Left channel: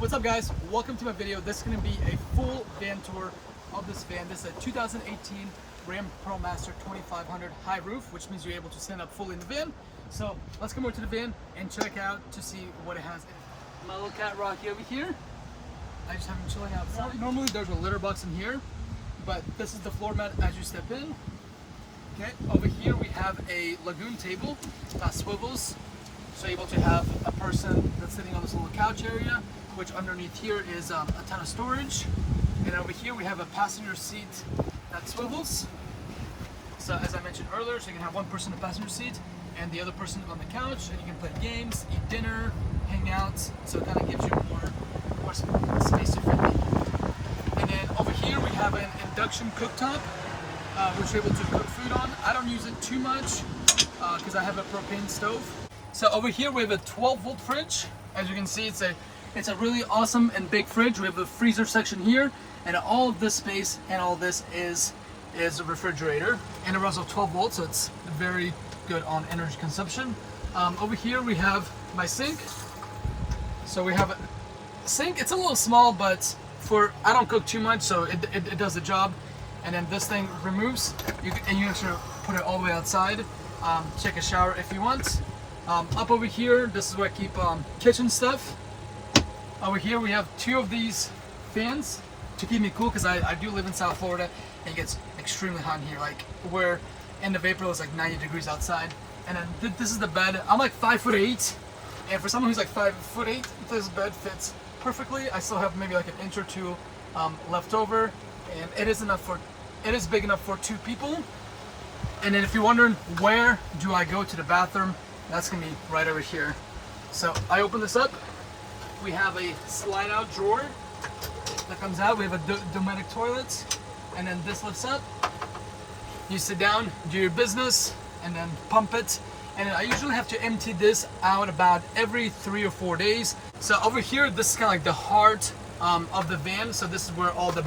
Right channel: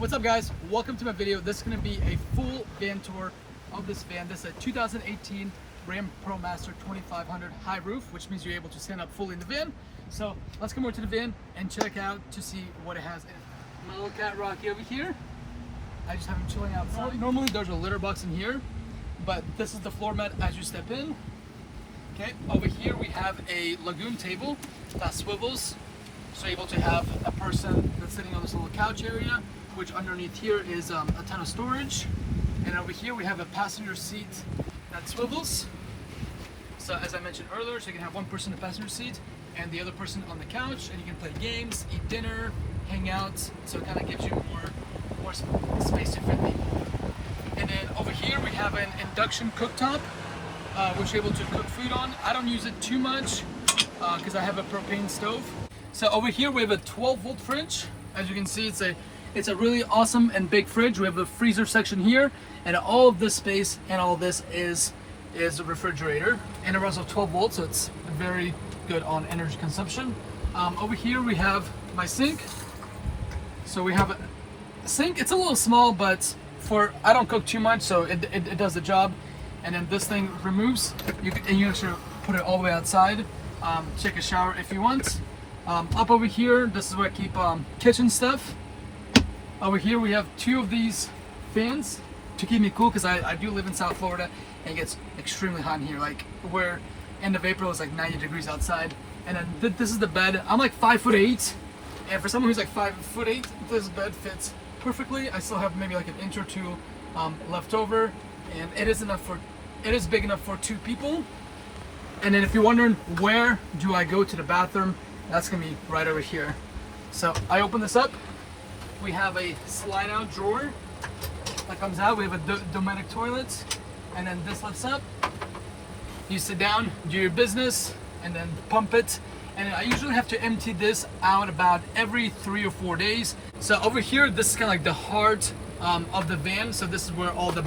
What's up guys, welcome to my video. This is going to be a full van tour of this van. This is a 2018 Ram ProMaster 2500 high roof, which means you're able to stand up fully in the van. So let's come over to the van and check out to see what it has in it. My little cat Rocky over here, I just have him chilling outside. Normally there's a litter box in here, but this is the floor mat as you step in. Okay, over here we have a lagoon table that swivels, so you're able to have a person that's sitting on this little couch area, which underneath here is a ton of storage. And over here we have a passenger seat that swivels. So as I mentioned earlier, so you can have one person in the passenger seat and the other person on the couch, and you can play games, eat dinner, hang out. So it kind of gives you more space to fit people. And then over here we have an induction cooktop, which you're able to cook food on. I don't use it too much because I have a propane stove. So over here we have a 12-volt fridge. As you can see, it's a really awesome and big fridge. We have a freezer section here, and all of this space and all of this is a refrigerator, and it runs off 12 volts, so it's very good on energy consumption. Over here we have my sink. So we have a sink. It's a little small, but I don't cook too much, so it does the job. And then this thing removes, and you actually put it all the way outside. Take a shower if you want. Up over here, this is where I keep kitchen stuff. Over here we have two of these fans to keep me cool, because I do live in South Florida and it gets extremely hot in here. Like, where end of April is like 90 degrees outside. And then this is the bed. I'm like 5'8", and for someone who's like 5'8", this bed fits perfectly. I still have maybe like an inch or two left over, and it is big enough for two people. And then if you're wondering where do I go to the bathroom, that's gonna be right over here. So I open this up. We have a slide out drawer that comes out. We have a domestic toilet, and then this lifts up. You sit down, do your business, and then pump it. And then I usually have to empty this out about every 3 or 4 days. So over here, this is kind of like the heart of the van. So this is where all the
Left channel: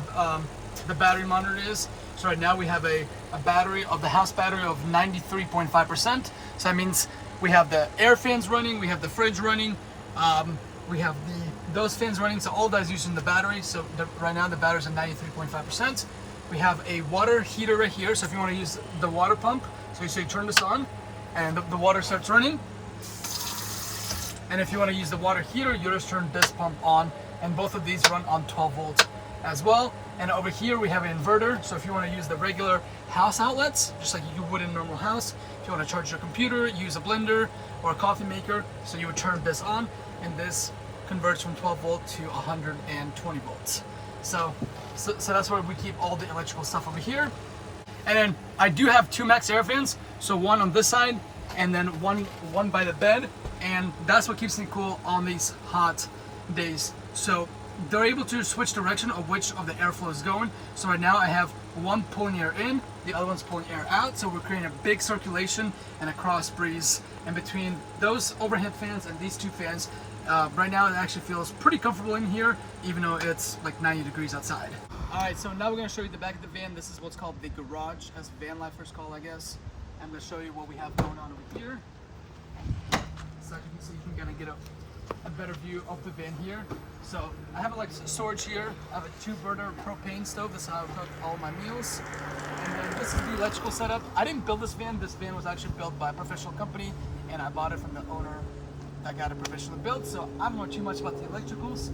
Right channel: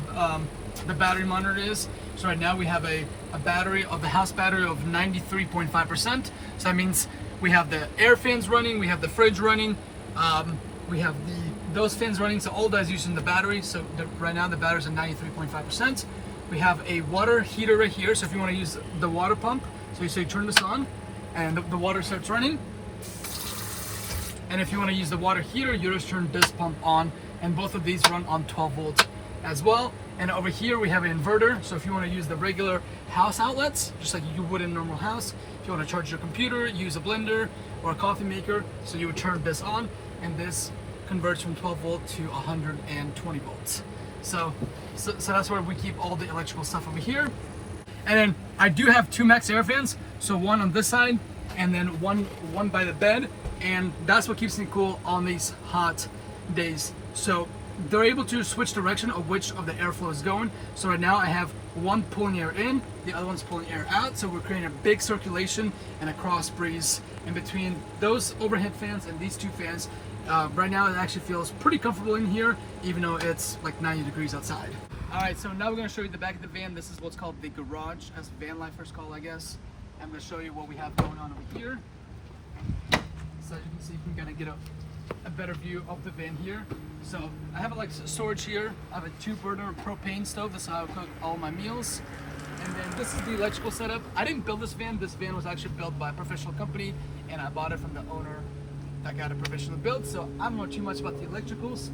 battery monitor is. So right now we have a battery of the house battery of 93.5%. So that means we have the air fans running, we have the fridge running, we have those fans running, so all that is using the battery. So right now the battery's at 93.5%. We have a water heater right here, so if you want to use the water pump, so you turn this on and the water starts running. And if you want to use the water heater, you just turn this pump on, and both of these run on 12 volts as well. And over here we have an inverter, so if you want to use the regular house outlets, just like you would in a normal house, if you want to charge your computer, use a blender or a coffee maker, so you would turn this on, and this converts from 12 volt to 120 volts. So that's where we keep all the electrical stuff over here. And then I do have two max air fans, so one on this side and then one by the bed, and that's what keeps me cool on these hot days. So they're able to switch direction of which of the airflow is going. So right now I have one pulling air in, the other one's pulling air out. So we're creating a big circulation and a cross breeze in between those overhead fans and these two fans. Right now it actually feels pretty comfortable in here, even though it's like 90 degrees outside. All right, so now we're gonna show you the back of the van. This is what's called the garage, as vanlifers call, I guess. I'm gonna show you what we have going on over here. So you can see, you can kind of get a better view of the van here. So I have like storage here. I have a 2-burner propane stove. That's how I cook all my meals. And then this is the electrical setup. I didn't build this van. This van was actually built by a professional company, and I bought it from the owner that got a professional build. So I don't know too much about the electricals.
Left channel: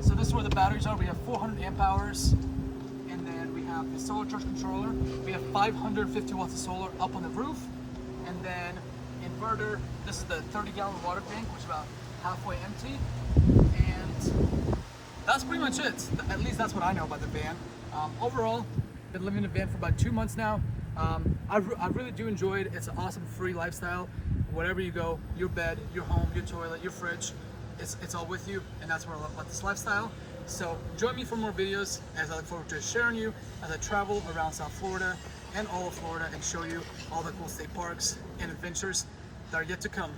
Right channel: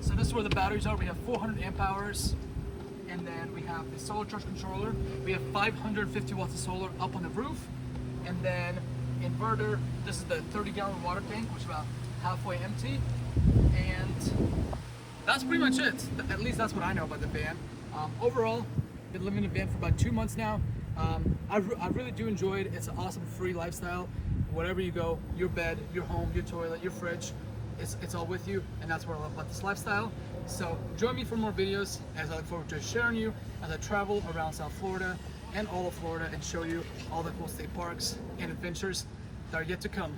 So this is where the batteries are. We have 400 amp hours. And then we have the solar charge controller. We have 550 watts of solar up on the roof. And then inverter. This is the 30-gallon water tank, which is about halfway empty. And that's pretty much it. At least that's what I know about the van. Overall, been living in a van for about 2 months now. I really do enjoy it. It's an awesome free lifestyle. Wherever you go, your bed, your home, your toilet, your fridge, it's all with you, and that's where I love about this lifestyle. So join me for more videos, as I look forward to sharing you as I travel around South Florida and all of Florida and show you all the cool state parks and adventures that are yet to come.